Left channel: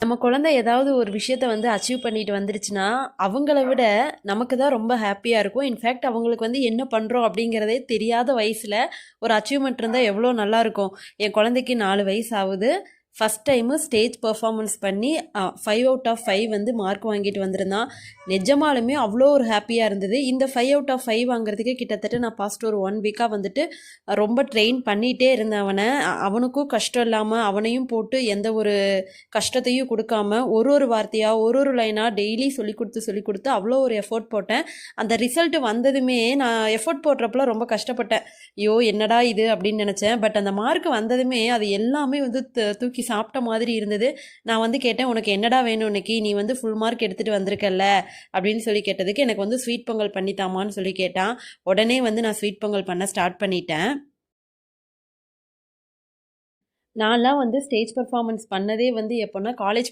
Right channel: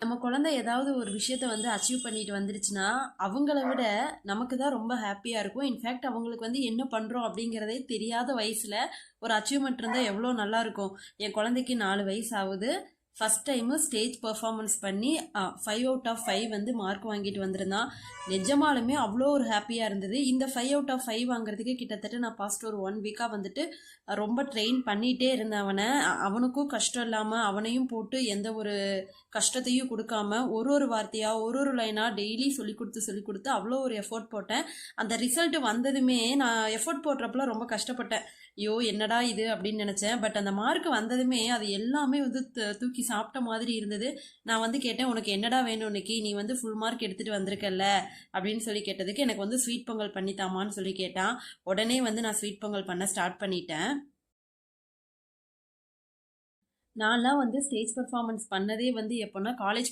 நம்ம குழந்தை ஏதாவது ஒரு விஷயத்த வந்து அச்சீவ் பண்ணிட்டு வந்துருச்சுன்னா அவங்கள விட நமக்கு தான் ரொம்ப ஹாப்பியாக இருக்கும். இன்ஃபேக்ட் அவங்களுக்கு வந்து என்ன பண்ணுறோம் அப்படிங்கிறதே தெரியாத வயசில் ஒரு அச்சீவ்மெண்ட் இருந்தால் எவ்வளோ நல்லாயிருக்கும் என் குழந்தைக்கு நாலு வயசு ஆகுது. ஃபஸ்ட் டைமு ஸ்டேஜ் பர்ஃபார்மன்ஸ் பண்ணி ஃபைவ் அவுட் ஆஃப் ஃபைவ் வந்து மார்க் வாங்கிட்டு வந்திருந்தான். நிஜமாலுமே அவ்வளோ ஒரு ஹாப்பியாக இருந்தது. இந்த ஃபைவ் அவுட் ஆஃப் ஃபைவ் வாங்குறதுக்கு கிட்டத்தட்ட நான் பாஸ்ட் ஒரு ஒன் வீக்காக வந்துட்டு ரொம்ப ட்ரெயின் பண்ணிகிட்டே இருந்தேன் அவனை. அவனுக்கும் கஷ்டம் இல்லாமல் அவனையும் போட்டு எந்த ஒரு கஷ்டத்தையும் கொடுக்காம ஒரு ஒரு வார்த்தையாக ஒரு ஒரு லைனாக டெய்லி சொல்லி கொடுத்து சொல்லி கொடுத்து அவ்வளோ ஒரு எஃபோர்ட் போட்டேன். அந்த ரிசல்ட் வந்ததுமே நான் எஃபோர்ட் போடுறப்பல ரொம்ப கஷ்டப்பட்டேன். ஐயோ என்னடா இது அப்படின்னு நினச்சேன். பட் அந்த மார்க் வந்ததுமே அது எல்லாமே வந்து தூக்கி சாப்பிட்ட மாதிரி இருந்தது. நான் வந்து கேட்டேன் உனக்கு என்னடா வேணும் இன்னைக்கு? நீ வந்து ஃபுல் மார்க் எடுத்துகிட்டு வந்திருக்கல்ல? அப்படின்னு சொல்லி கேட்டதுக்கு எனக்கு வந்து ஸ்வீட் பொங்கல் பண்ணித்தாமான்னு சொல்லி கேட்டான். உடனே வந்து நான் ஸ்வீட் பொங்கல் பண்ண ஸ்டார்ட் பண்ணிட்டேன். நான்லாம் வந்து ஸ்டேஜ் பர்ஃபார்மன்ஸ் பண்ணதே வந்து எப்போன்னா காலேஜ்